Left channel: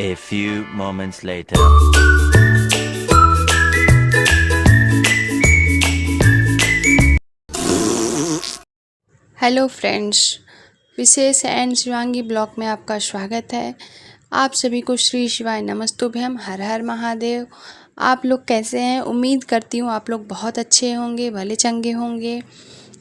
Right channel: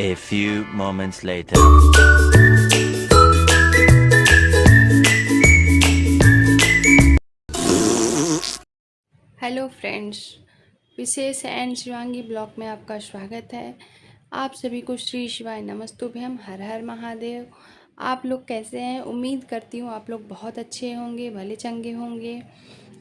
A few moments later. Hello friends, Vishesh and Shivangi blog में आपका स्वागत है। आप सभी को श्री शिवाय नमस्तुभ्यम, हर हर महादेव। आप लोग कैसे हैं? उम्मीद करती हूँ आप लोग बहुत अच्छे होंगे, भले चंगे होंगे।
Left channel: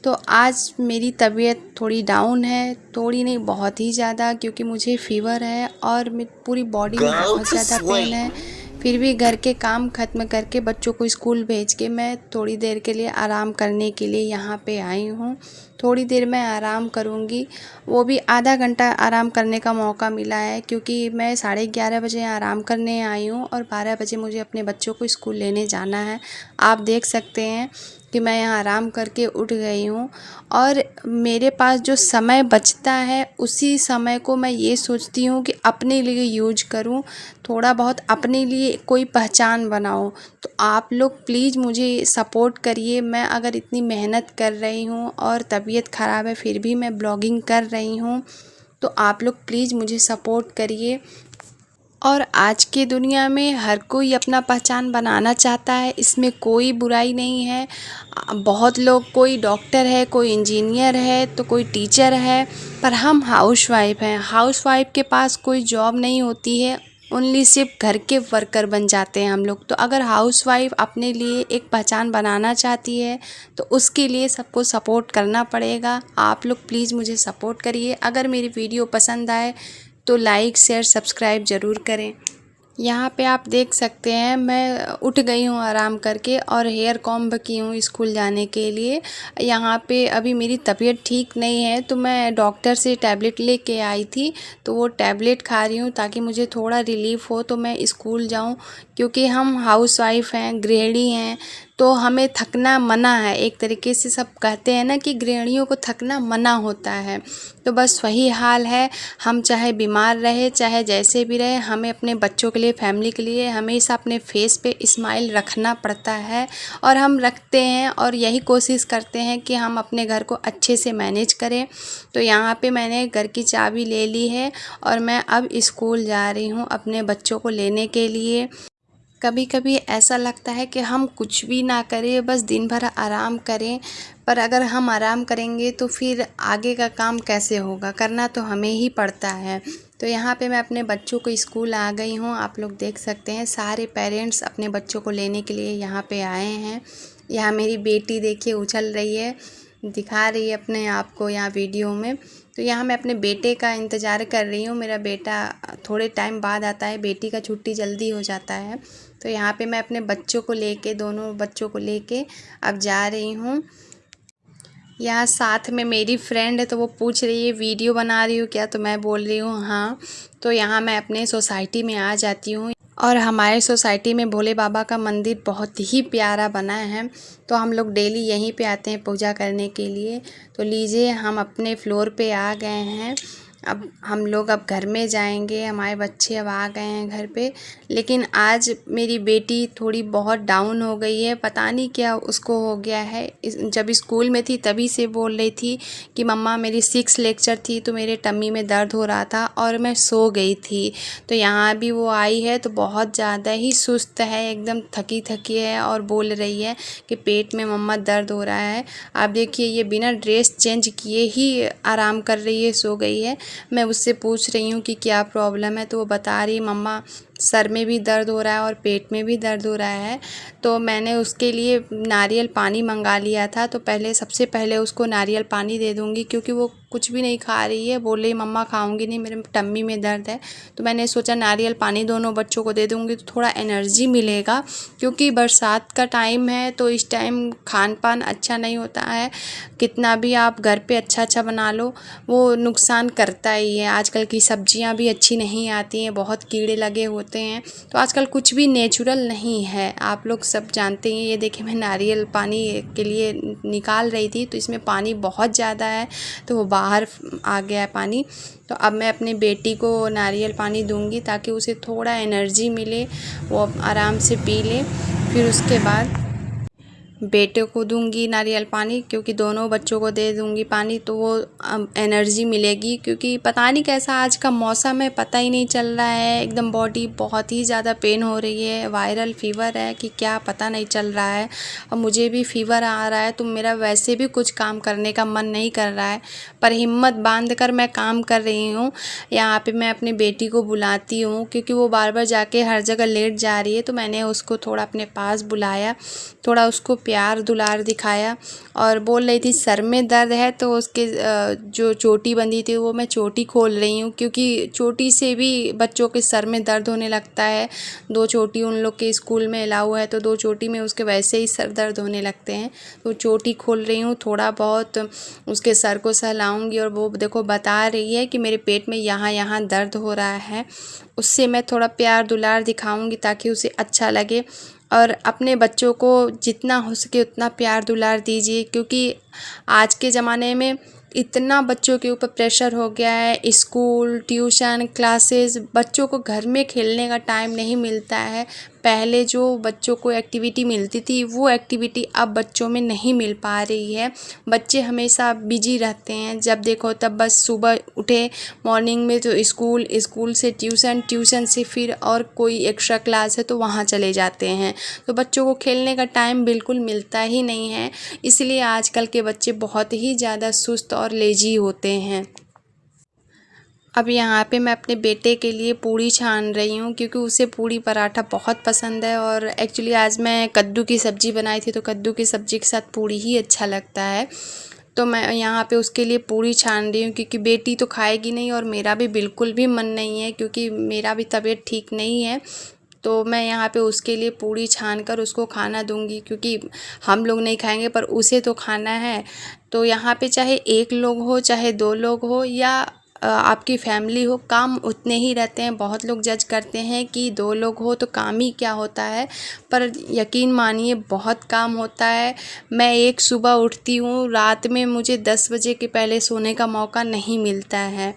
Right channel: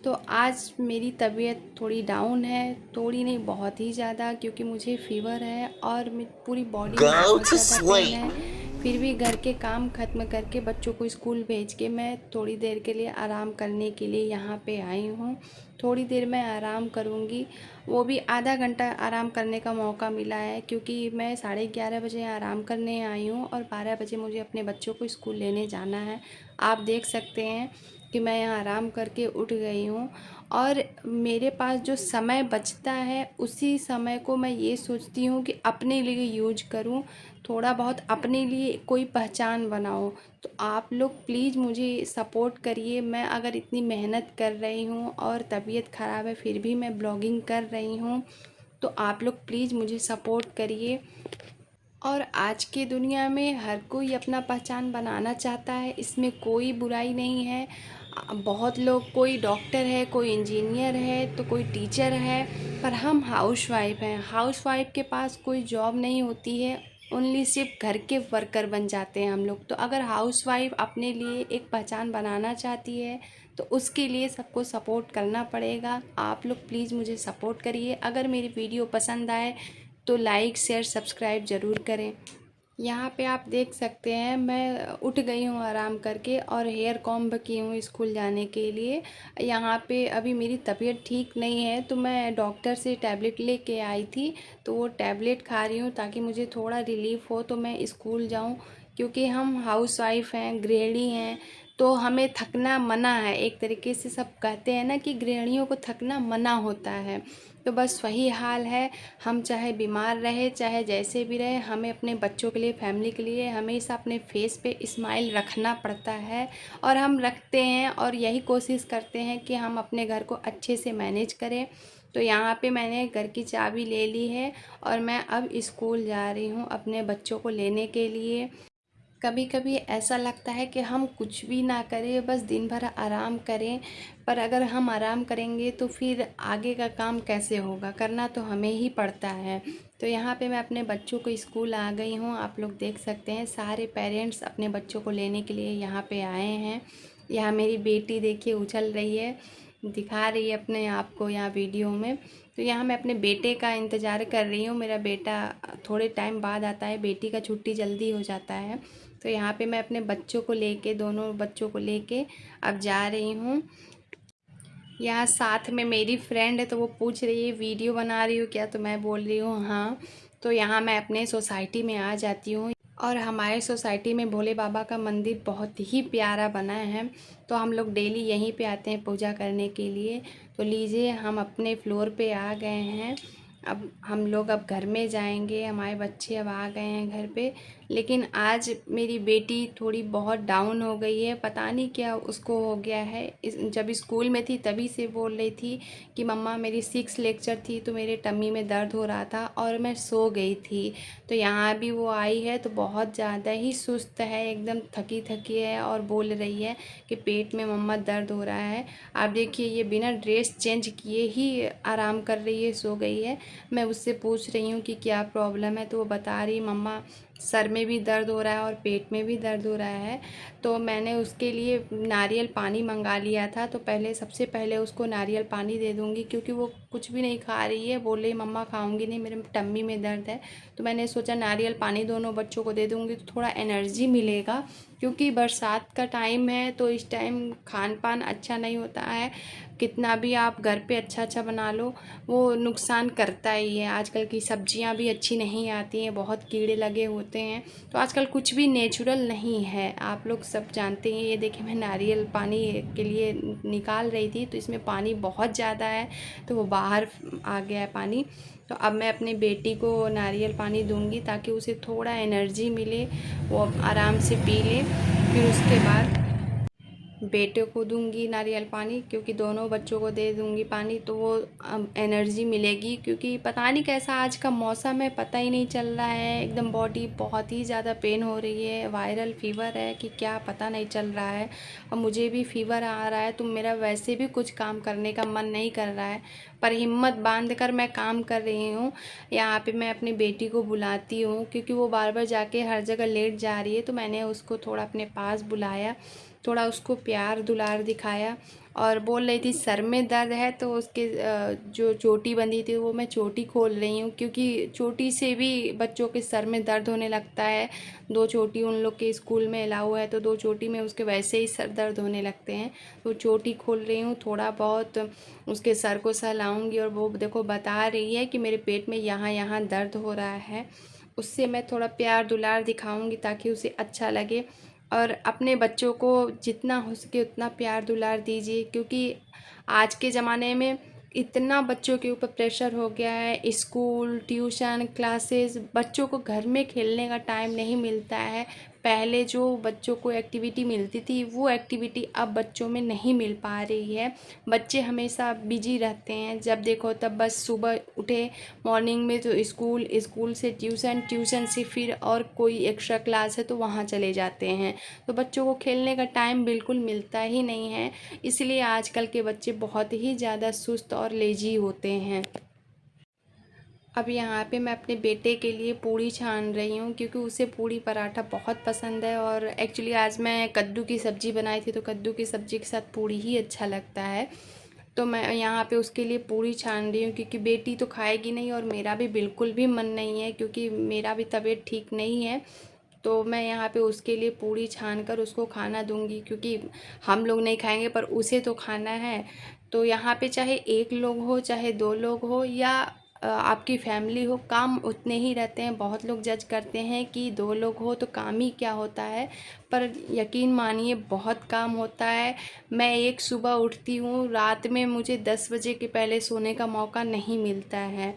तो आज मेरी तबीयत थोड़ी डाउन है, थोड़ी नहीं बहुत ही ज़्यादा, क्योंकि मुझे फ़ीवर है और पूरी बॉडी में Go बहुत to ज़्यादा पेन sleep. है। फिर भी घर के काम ख़त्म करके बच्चों को स्कूल भेज के मैं थोड़ी देर के लिए आराम करने के लिए यहाँ पे आई हूँ। थोड़ी देर मैं आराम करूँगी, वो भी आधा घंटा आराम करने का मौका मिला है, क्योंकि मैं 11:30 बजे आराम करने आई हूँ और 12 बजे मुझे अपने बच्चों को स्कूल लेने जाना है। आप देख सकते हैं कि मैं यहाँ आराम करके उठ गई हूँ और मेरे पास जो समय बचता है उसी समय को मैं ये सोचती हूँ कि अपने लिए यूज करूँ, थोड़ा बहुत अपने लिए कोई पहचान बनाऊँ। तो आप लोग प्लीज़ मुझे सपोर्ट करिए। मैं अगर इतनी मेहनत कर रही हूँ और तबीयत ख़राब है फिर भी मैं ब्लॉगिंग कर रही हूँ, तो आप लोग प्लीज़ मुझे सपोर्ट करिए। और आज की दुनिया में हर कोई अपना पहचान बनाना चाहता है, इसमें कोई बुराई नहीं है। बहुत लोग, कोई डॉक्टर है, कोई इंजीनियर है, तो कोई टीचर है, पर हम हाउसवाइफ हैं। हाउसवाइफ के पास कोई जॉब नहीं होती है, ओनली सिर्फ घर के वर्कर बन जाते हैं हम लोग। तो अगर हाउसवाइफ अपने लिए एक पहचान बनाना चाहती है तो उसके लिए सबको सपोर्ट करना पड़ेगा। आप लोग प्लीज़ मुझे सपोर्ट करिए। अगर मेरी वीडियो पसंद आए तो लाइक शेयर सब्सक्राइब ज़रूर करें। यहाँ पे आप देख सकते हैं मैं उठ गई हूँ आराम करके और हेयर कॉम्ब की हूँ स्कूल जाने के लिए। यहाँ पे अभी मेरी तबीयत ठीक नहीं है तो मैं डॉक्टर से टैबलेट लेके आई थी, तो वो टैबलेट खा रही हूँ ताकि मुझे थोड़ा रिलीफ़ हो तो मैं स्कूल जाऊँ। क्योंकि हम हाउसवाइफ हैं, गृहिणी हैं, तो हमें थकना मना है। एक तरीके से सब कहते हैं ना कि गृहिणियों को थकना मना होता है, तो बस वही हाल है। हम चाहे बीमार रहे, चाहे जैसे भी रहे, हमें अपने बच्चों के लिए, फैमिली के लिए हमेशा अपने फेस पे स्माइल रखना पड़ता है और हम रखते हैं और यही कोशिश करते हैं कि हम अपने घर को अच्छे से मैनेज करें। तो यहाँ पे मैंने घर की चाबी ले ली है और मैं अब स्कूल जा रही हूँ अपने बच्चों को लेने के लिए। कभी कभी ऐसा लगता है कि हम कुछ भी ना करें, बस दिन भर आराम करें, पर अगर हम आराम करेंगे तो फिर आगे का काम कैसे होगा? करना तो हमें ही पड़ता है। तो यहाँ पे मैं अपने बच्चों को स्कूल आ गई हूँ। आप लोग देख सकते हैं सारे पेरेंट्स अपने बच्चों को लेने के लिए यहाँ पे आए हैं। यहाँ मेरी बेटी देखिए उछल रही है, दिखा रही है अपने आप को यहाँ वीडियो में। तो यहाँ मैं अपने बेटे का इंतज़ार कर रही हूँ। मेरा बेटा थोड़े टाइम बाद आता है, बेटी का छुट्टी जल्दी हो जाता है। तो यहाँ पे मैं अपने बच्चों को लेके, दोनों बच्चों को लेके अब जा रही हूँ। यहाँ साथ में मेरी फ्रेंड है तो वो पूछ रही है वीडियो बना रही हूँ क्या, तो मैं बोल रही हूँ हाँ। तो यहाँ मैं अपने सोसाइटी में आ जाती हूँ और हमारे सोसाइटी में भोले बाबा का मंदिर बहुत ही प्यारा बना है, तो हम लोग डेली यहीं पे आते हैं पूजा करने के लिए। तो लीजिए हम अपने फ्लोर पे आ गए हैं। अब हम लोग अब घर में जाएंगे, हमारे बच्चे अब आ गए हैं घर पे। लेकिन आज मेरी बेटी थोड़ी बहुत डाउन हो गई है, पता नहीं क्या उसको हो गया है। जब स्कूल में थी तभी से बोल रही थी कि मम्मा मेरी 6 लेक्चर थी तो मेरे टम्मी में दर्द हो रहा था और मैं सो गई थी। तो यहाँ भी वो आई है तो बहुत ज़्यादा ही सुस्त है, एकदम थकी थकी है और बोल रही है कि पेट में मम्मा दर्द हो रहा है। आप देखिए ये बिना ड्रेस चेंज किए ही आराम कर रही है, सो गई है। मैं उससे पूछ रही हूँ कि क्या प्रॉब्लम है, तो वो बता रही मम्मा सर में भी दर्द हो रहा है और पेट में भी दर्द हो रहा है। तो मैंने उसके लिए नारियल पानी मंगा लिया था, तो सबसे पहले उसको नारियल पानी दे दूँगी, क्योंकि वो कुछ भी नहीं खा रही है। बोल रही मम्मा खाऊंगी नहीं, मेरे टम्मी में दर्द है। तो मैंने सोचा नारियल पानी दोनों बच्चों को दे दूँगी तो थोड़ा एनर्जी मिलेगा, क्योंकि बरसात का टाइम है तो इस टाइम खान पान अच्छा नहीं होता है। कितना भी आप घर पे अच्छा अच्छा बना लो वो नुकसान करता ही है। आजकल की सब्जियां भी अच्छी नहीं आती हैं, बहुत कीड़े लगे होते हैं। तो आजकल कुछ भी नेचुरल नहीं है, आप लोग सब जानते हैं। ये देखिए मैं नारियल पानी के लिए निकाल रही थी तो इसमें पानी बहुत ज़्यादा है तो वो बाहर आ गया है पानी। तो अब मैं अपनी बेटी को नारियल पानी दूंगी ताकि उसे थोड़ा एनर्जी मिले, वो आराम से पी ले। फिर उसके बाद बेटे को दूंगी नारियल पानी, क्योंकि दोनों बच्चों को दे दूंगी पानी तो वो एनर्जी मिलेगी। क्योंकि पता नहीं कैसा आज का मौसम है, पता ही नहीं चल रहा है, एकदम बॉडी बहुत ही ज़्यादा पेन हो रही है, वायरल फीवर है कि क्या पता नहीं चल रहा है। और मुझे भी फीवर आ रहा है तो मेरा वैसे भी कुछ काम करने का मन नहीं कर रहा है, पर हिम्मत बांध कर मैं काम कर रही हूँ। यहाँ पे मैं अपनी बेटी को बुलाती हूँ क्योंकि वो बार बार जाके हर जगह लेट जा रही है, तो मैंने उसको थोड़ा अपने पास बुलाया, थोड़ा उसको प्यार दुलार दिखाया। और बोल रही थी सर में दर्द है, तो उसके जो चोटी बंधी थी वो मैं चोटी खोल रही हूँ, क्योंकि चोटी से भी बच्चों के सर में दर्द होने लगता है। 2 चोटी उन लोग के स्कूल में अलाउ है, तो 2 चोटी में उसके वैसे ही सर दर्द होने लगते हैं, तो चोटी खोल रही हूँ। थोड़ा बहुत उसके सर को सहलाऊँगी और वो देखो बता रही है कि मेरे पेट में यहाँ यहाँ दर्द हो रहा है, उससे मैं थोड़ा प्यार दुलार दिखाऊँगी ताकि उसे अच्छा लगे। और अपने बच्चों को जितना हो सके उतना प्यार दुलार दीजिए, क्योंकि आज के ज़माने में इतना बच्चों के ऊपर प्रेशर हो गया है, स्कूल ट्यूशन क्लासेस, बच्चों को घर में खेलने का टाइम नहीं मिलता है। पहले जो बच्चों को एक्टिविटी मिलती थी वो एक्टिविटी अब बच्चों में नहीं मिल पा रही है। बच्चे हमेशा बिजी रहते हैं, जब देखो तब बस सुबह उठे, मॉर्निंग में तो स्कूल, स्कूल से ट्यूशन, ट्यूशन से फिर और कोई एक्स्ट्रा क्लास है तो वहाँ चले जाते हैं, तो बच्चों को खेलने का टाइम बिल्कुल मिलता ही नहीं है। इसलिए आजकल के बच्चे बहुत ही ज़्यादा सुस्त और लेजी होते हैं। अब यहाँ पे मैं अपने बेटे के लिए पूड़ी छान रही हूँ, क्योंकि उसे पूड़ी पराठा बहुत पसंद है। और एक्चुअली आज मैं कद्दू की सब्ज़ी बनाई थी, तो कद्दू की सब्ज़ी के साथ पूड़ी ही अच्छा लगता है। तो मैं यहाँ पे उसके लिए पूड़ी छान रही हूँ, क्योंकि बेटी तो खाएगी नहीं और मेरा भी बिल्कुल भी मन नहीं है, क्योंकि मेरा भी तबीयत ठीक नहीं है। तो मैं यहाँ पे उसके लिए पूड़ी छान कर उसको खाना दूंगी, क्योंकि हम लोग नहीं खाएंगे पर उसे तो खाना है। तो यहाँ पे चाहे 1 लोग हो, चाहे 2 लोग हो, या आपकी फैमिली हो, काम उतने ही रहते हैं। बहुत लोग जज करते हैं कि 2 लोग हो तो काम ही क्या होता है, पर यकीन मानिए बहुत काम होता है। मैं एक सुबह उठती हूँ, रात में मुझे 10 बजे के पहले सोने का मौका नहीं मिलता है।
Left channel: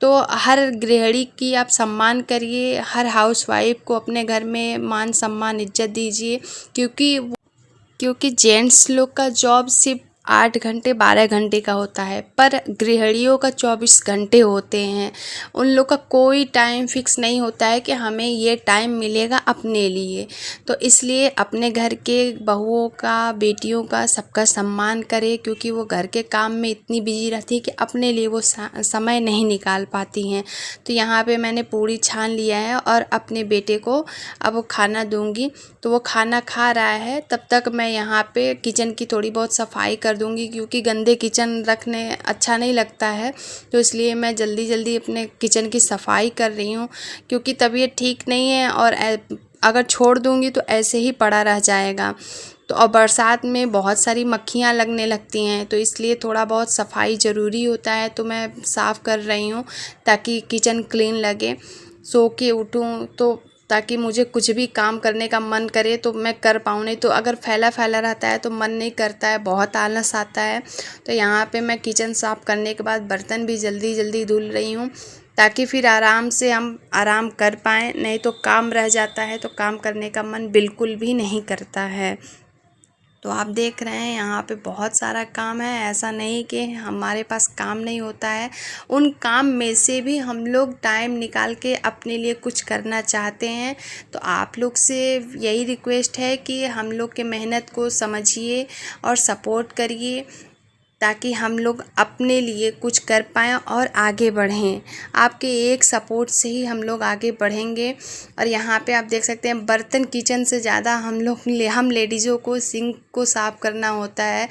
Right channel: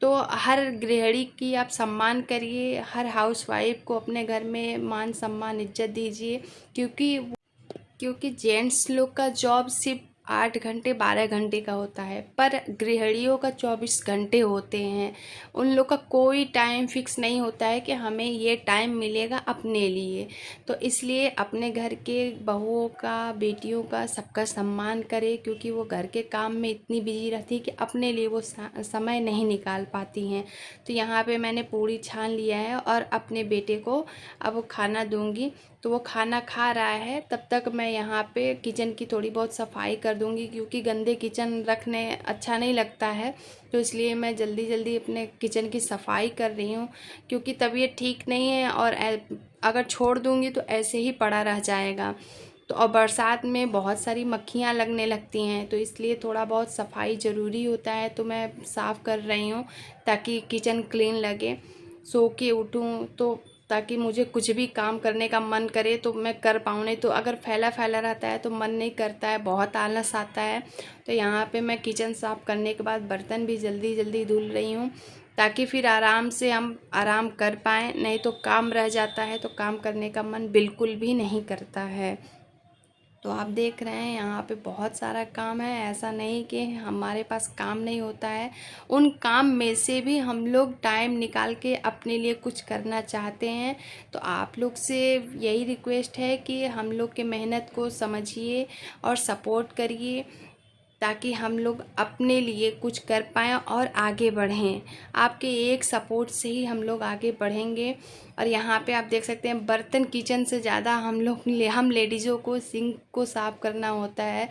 तो हर गृहिणी की आप सम्मान करिए, हर हाउसवाइफ को अपने घर में मान सम्मान इज्जत दीजिए, क्योंकि जेंट्स लोग का जॉब सिर्फ 8 घंटे 12 घंटे का होता है, पर गृहिणियों का 24 घंटे होते हैं। उन लोग का कोई टाइम फिक्स नहीं होता है कि हमें ये टाइम मिलेगा अपने लिए। तो इसलिए अपने घर के बहुओं का, बेटियों का, सबका सम्मान करें, क्योंकि वो घर के काम में इतनी बिजी रहती है कि अपने लिए वो समय नहीं निकाल पाती हैं। तो यहाँ पे मैंने पूड़ी छान लिया है और अपने बेटे को अब खाना दूंगी। तो वो खाना खा रहा है, तब तक मैं यहाँ पे किचन की थोड़ी बहुत सफाई कर दूंगी, क्योंकि गंदे किचन रखने अच्छा नहीं लगता है। तो इसलिए मैं जल्दी जल्दी अपने किचन की सफाई कर रही हूँ, क्योंकि तबीयत ठीक नहीं है और अगर छोड़ दूंगी तो ऐसे ही पड़ा रह जाएगा। तो और बरसात में बहुत सारी मक्खियाँ लगने लगती हैं, तो इसलिए थोड़ा बहुत सफाई ज़रूरी होता है। तो मैं साफ़ कर रही हूँ ताकि किचन क्लीन लगे। सो के उठूँ तो ताकि मुझे कुछ भी काम करने का मन करे तो मैं कर पाऊँ, नहीं तो अगर फैला फैला रहता है तो मन नहीं करता है, बहुत आलस आता है। तो यहाँ पे मैं किचन साफ़ करने के बाद बर्तन भी जल्दी जल्दी धुल रही हूँ, ताकि फिर आराम से हम आराम कर पाएँ। नहीं तो काम रह जाता है तो काम करने का मन बिल्कुल भी नहीं करता है। तो आप देख रहे हैं यहाँ पे बहुत सारा काम है, ऐसा नहीं कि हमारे पास काम नहीं होता है। उन काम में से भी हम लोग टाइम निकाल के अपने लिए कुछ करना चाहते हैं। तो आप लोग से यही रिक्वेस्ट है कि हम लोग के मेहनत को समझिए और सपोर्ट करिए, ताकि हम लोग अपने लिए कुछ कर पाएँ और आगे बढ़ें। आपके एक सपोर्ट से ही हम लोग आगे बढ़ेंगे। और यहाँ पे आप देख सकते हैं बर्तन किचन से ज़्यादा हम लेडीज़ों को सिंक को साफ़ करना होता है।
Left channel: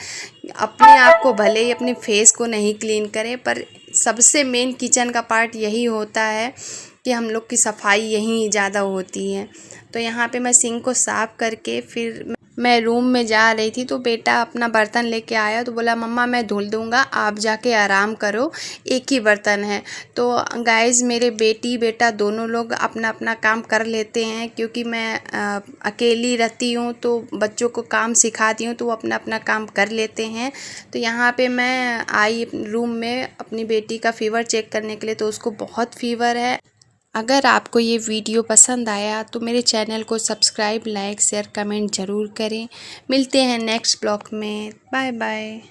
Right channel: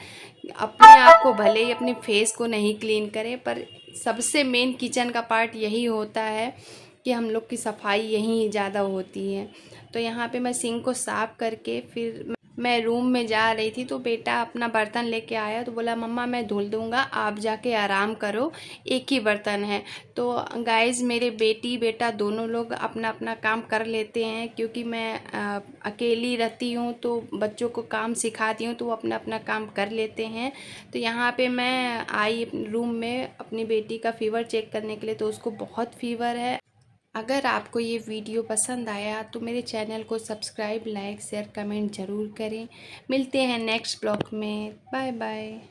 अपने आप को भले ही अपने फेस को नहीं क्लीन करें, पर सबसे मेन किचन का पार्ट यही होता है कि हम लोग की सफाई यहीं ज़्यादा होती है। तो यहाँ पे मैं सिंक को साफ़ करके फिर मैं रूम में जा रही थी, तो बेटा अपना बर्तन लेके आया, तो बोला मम्मा मैं धुल दूँगा, आप जाके आराम करो, एक ही बर्तन है। तो गाइज़ मेरे बेटी बेटा दोनों लोग अपना अपना काम कर लेते हैं, क्योंकि मैं अकेली रहती हूँ तो बच्चों को काम सिखाती हूँ तो वो अपना अपना काम कर लेते हैं। तो यहाँ पे मैं आई रूम में अपनी बेटी का फ़ीवर चेक करने के लिए, तो उसको बहुत फ़ीवर है। अगर आपको ये वीडियो पसंद आया तो मेरे चैनल को सब्सक्राइब, लाइक, शेयर, कमेंट ज़रूर करें। मिलते हैं नेक्स्ट ब्लॉग में। Bye bye.